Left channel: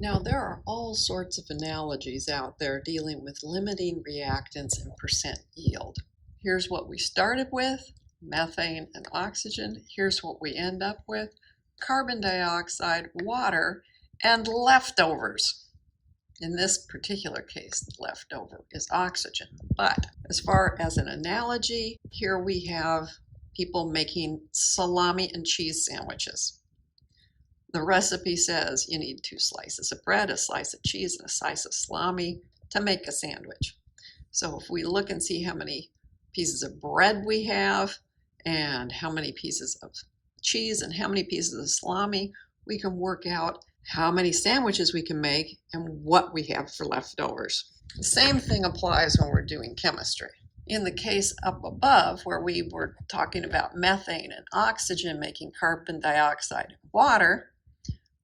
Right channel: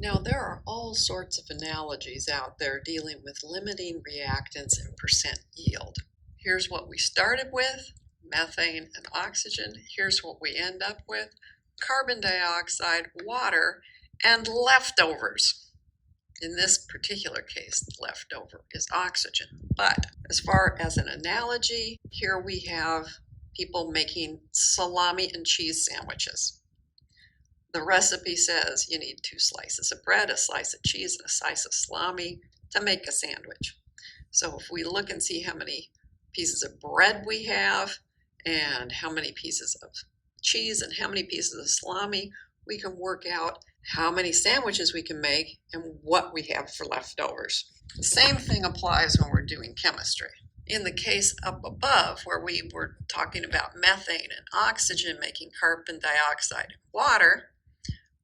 Now, there are all sorts of analogies out there dealing with limiting reactants and percent yield. Here's what we started with, methane and oxygen. Here's what we end up with, carbon dioxide, water, and leftovers. In this particular case, the leftover is oxygen. But as far as an analogy, here we have people making salami and cheese sandwiches. The recipe says you need 2 slices of bread, a slice of cheese, and a slice of salami to make a sandwich. So if we look and see how many pieces of bread we have and how many pieces of cheese and how many pieces of salami, we can work out how many sandwiches we can make and what we have for leftovers. The same thing applies when we're doing chemistry. In the case up above, where we were talking about methane and oxygen making carbon dioxide and water,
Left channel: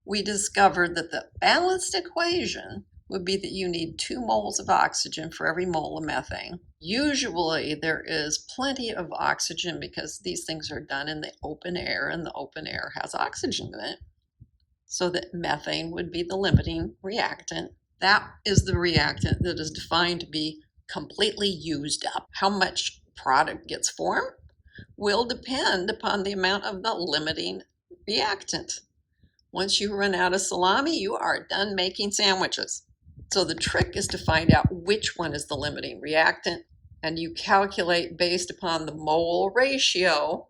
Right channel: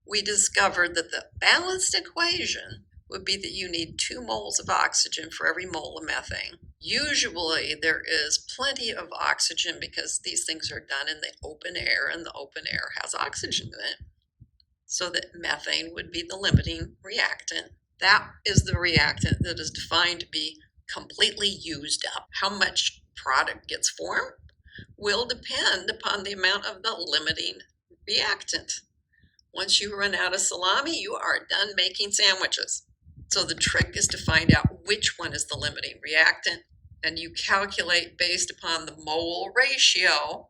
we discovered that the balanced equation would be that you need 2 moles of oxygen for every mole of methane. Usually there is plenty of oxygen because these things are done in the open air, and the open air has oxygen in it. So that methane would be the limiting reactant. That is the reactant that is defined to be completely used up. How much product gets formed will depend upon the amount of the limiting reactant. Once you run out of salami, you are done making sandwiches. So the trick is to find out which one is the limiting reactant, and you calculate based upon the mole ratio.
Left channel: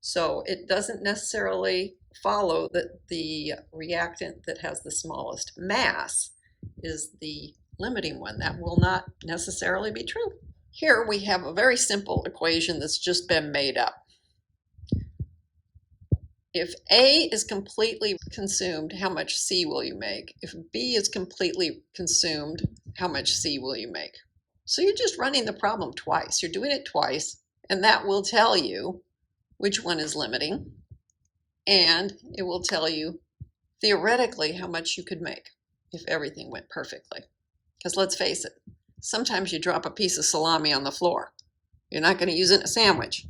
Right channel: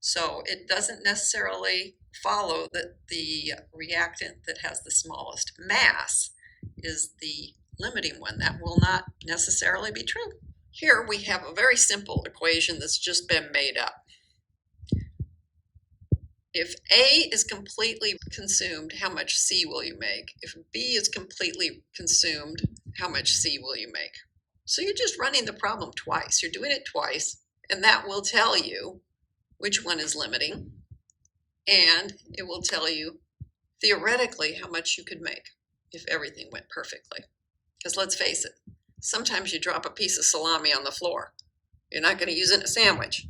So it doesn't necessarily follow that the reactant that has the smallest mass is the limiting one. That will not necessarily be true. Here we have a very simple equation that's just been made up. If A is completely consumed, how much C will you make? If B is completely consumed, how much C will you make? So you're just running the problem twice. You're doing it twice, and that will tell you which one is limiting, and it will tell you theoretically how much you could make if everything went perfectly. Because let's face it, sometimes you drop a piece of salami on the floor. You're not going to use it in a sandwich.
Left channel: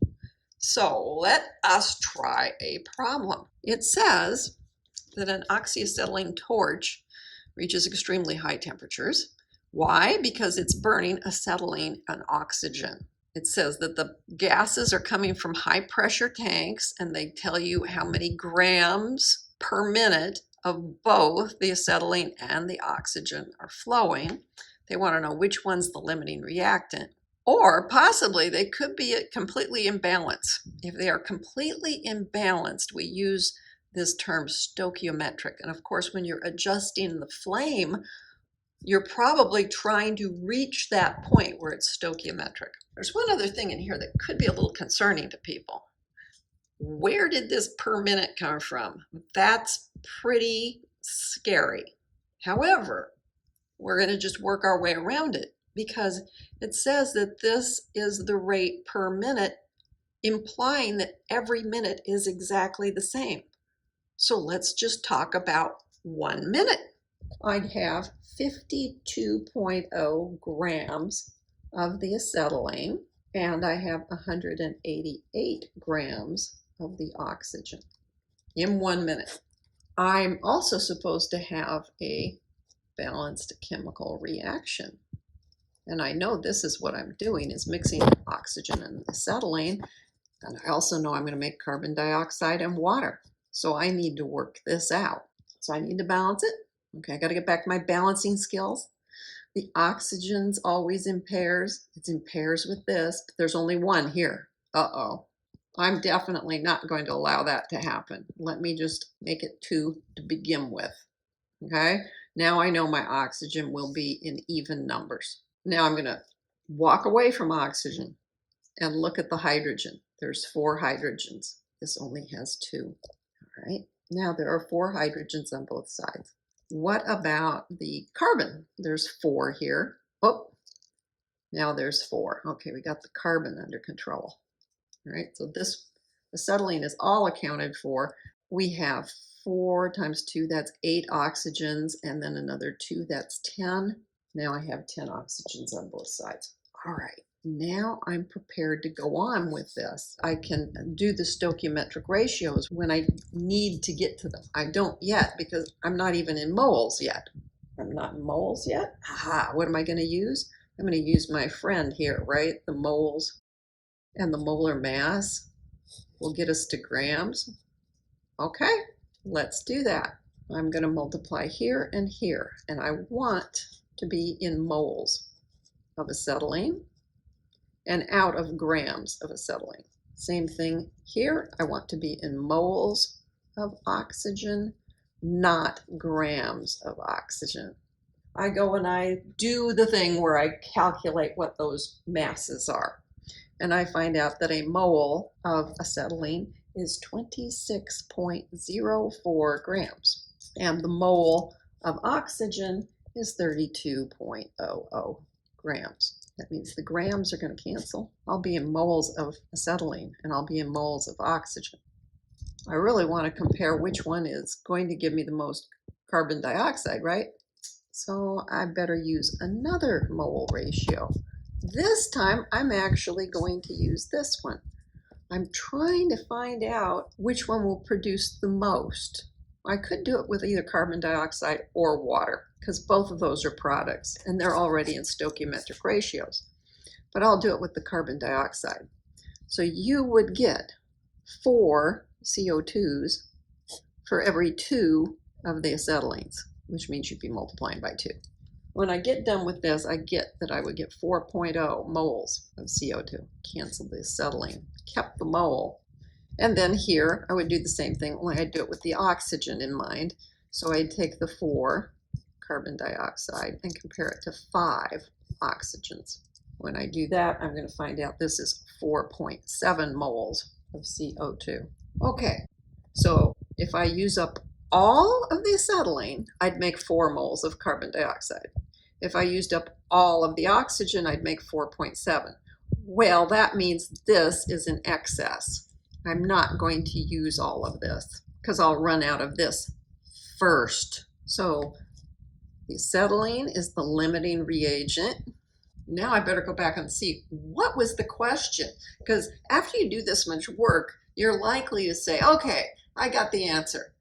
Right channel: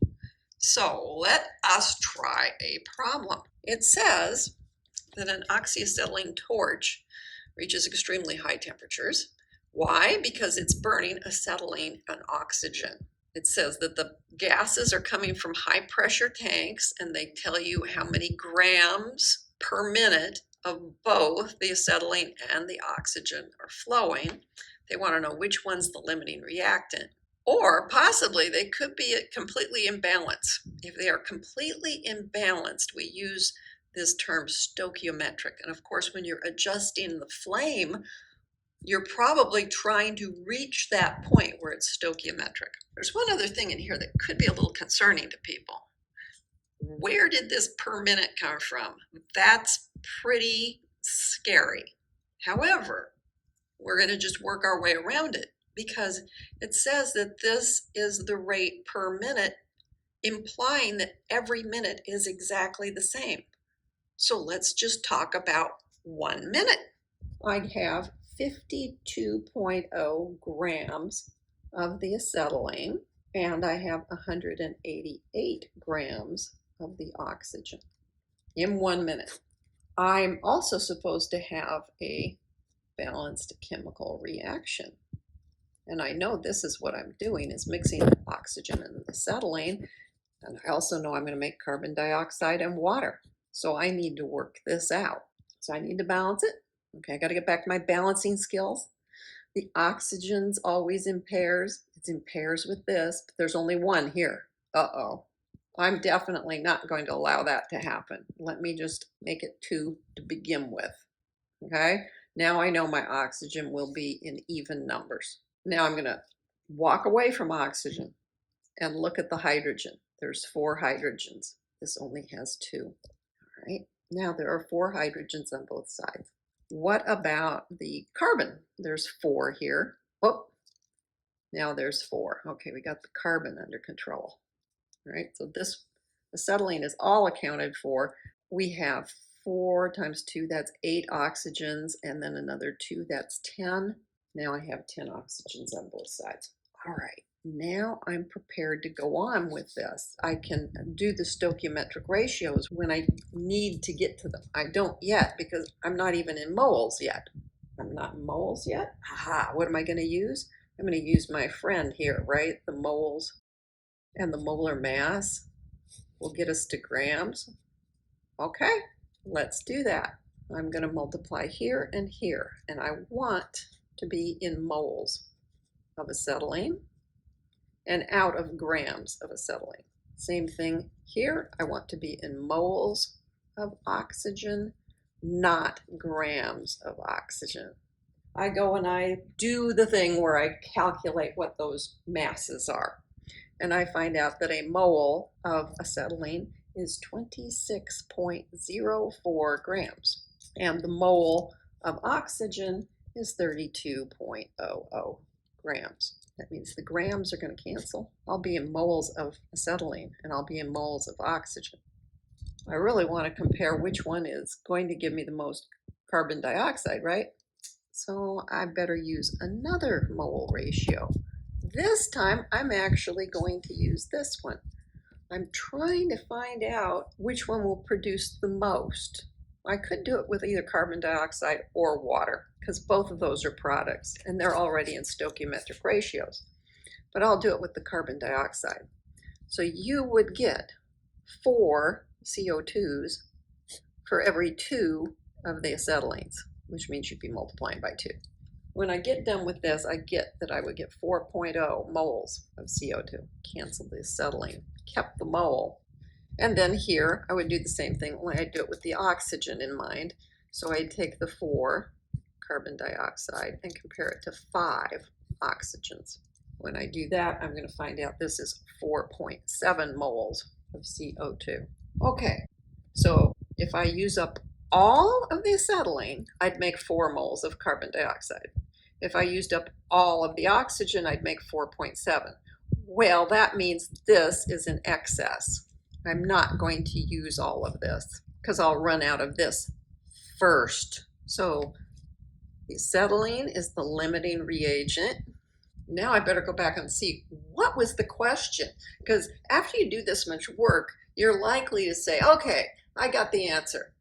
So let us try a problem. It says that an oxyacetylene torch reaches extremely high temperatures. Why? Because it's burning acetylene and oxygen. It says that the gases are coming from high pressure tanks, and they tell you how many grams per minute of both the acetylene and the oxygen are flowing. They want to know which one's the limiting reactant. Or possibly they could be completely imbalanced. If they are completely imbalanced, we use this term stoichiometric. And of course, when you're adjusting the flame, you're probably trying to reach that point where it's stoichiometric. There's one other thing in here that could be a little concerning to people. Where did this per minute come from? That's pretty scary. However, we're going to just work our way around it, because it says that this is the rate per minute, implying that every minute is exactly the same. So let's just talk about 1 minute. I'd have 52.0 grams of the acetylene, and I have 188 grams of the oxygen in 1 minute. I'm also supposed to have a balanced chemical reaction. And I know this is what I'm doing, is mixing oxygen and acetylene. And I also know I'm going to make carbon dioxide and water. So I need to work this out. So I need to balance it. Okay, I got to get back to my balancing skills. The oxygen's always in pairs. It's in pairs with this, but there's only one here. Uh-oh. I'm definitely not going to allow that to happen. Let me just make it 2 to begin with. Okay, now I know my oxygen will be in even numbers. Now I'm going to walk away from oxygen and look at the hydrogen. There's 4 hydrogens. This only has 2. All right, now there are 4 hydrogens on both sides. What about the carbon? There's 4 here. Oh, now there's 4. Okay, we got the carbon under control. All right, so this acetylene is all accounted for. We have 4 times 2, that's 8 oxygens, and then another 2, that's 10. Now I have 10 oxygens on both sides. All right, Now I'm prepared to go on with this. I can do the stoichiometric ratios when I need to get to them. I don't yet because I'm not even in moles yet. I'm not in moles yet. Aha, what am I going to use? I'm going to use my friend here, right? The moles and the molar mass will get us to grams. Okay, let's do that. I'm going to multiply here, and I want to be in moles of acetylene and out of grams of acetylene. Same thing here. I want to be in moles of oxygen, not grams of oxygen. I go and I do the thing where I calculate what those masses are. And I find out that a mole of acetylene is 26.04 grams. And the mole of oxygen is 32.00 grams. That means the grams are going to cancel. I'll be in moles of acetylene and I'll be in moles of oxygen. I really want to compare which one is going to give me the most carbon dioxide, right? So I better use another mole ratio. This time I'm actually going to use this one. I'm trying to find out which one will produce the most. I could do it with either carbon dioxide or water because both of those are products and they're already in stoichiometric ratios. But I'll do it with the carbon dioxide. So you would get 4 CO2s for every 2 of the acetylenes, which means you'd be multiplying by 2. When I get done with this, I get that I would get 4.0 moles of CO2. Cancel the acetylene, kept the mole. And then here, I would do the same thing, only I'd do it with the oxygen in mind. So I'd take the 4 carbon dioxide and compare it to 5 oxygens. When I do that, I'm going to find out this is 4.7 moles of CO2. Okay, so if I use up all of the acetylene, I'd make 4 moles of carbon dioxide. If I used up all of the oxygen, I'd make 4.7. Well, that means this is in excess. I'm not going to use all of this because I'll run out of this first. So the acetylene is the limiting reagent. Now I better go back and see what was the question, because after you do this much work, you're likely to say, okay, I got the answer,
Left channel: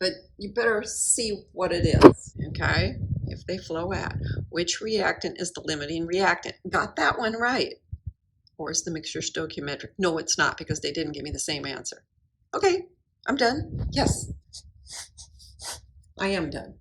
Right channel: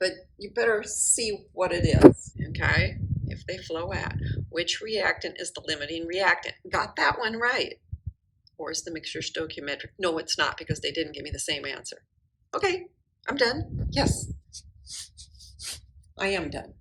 but you better see what it is, okay? If they flow at, which reactant is the limiting reactant? Got that one right. Or is the mixture stoichiometric? No, it's not, because they didn't give me the same answer. Okay, I'm done. Yes, I am done.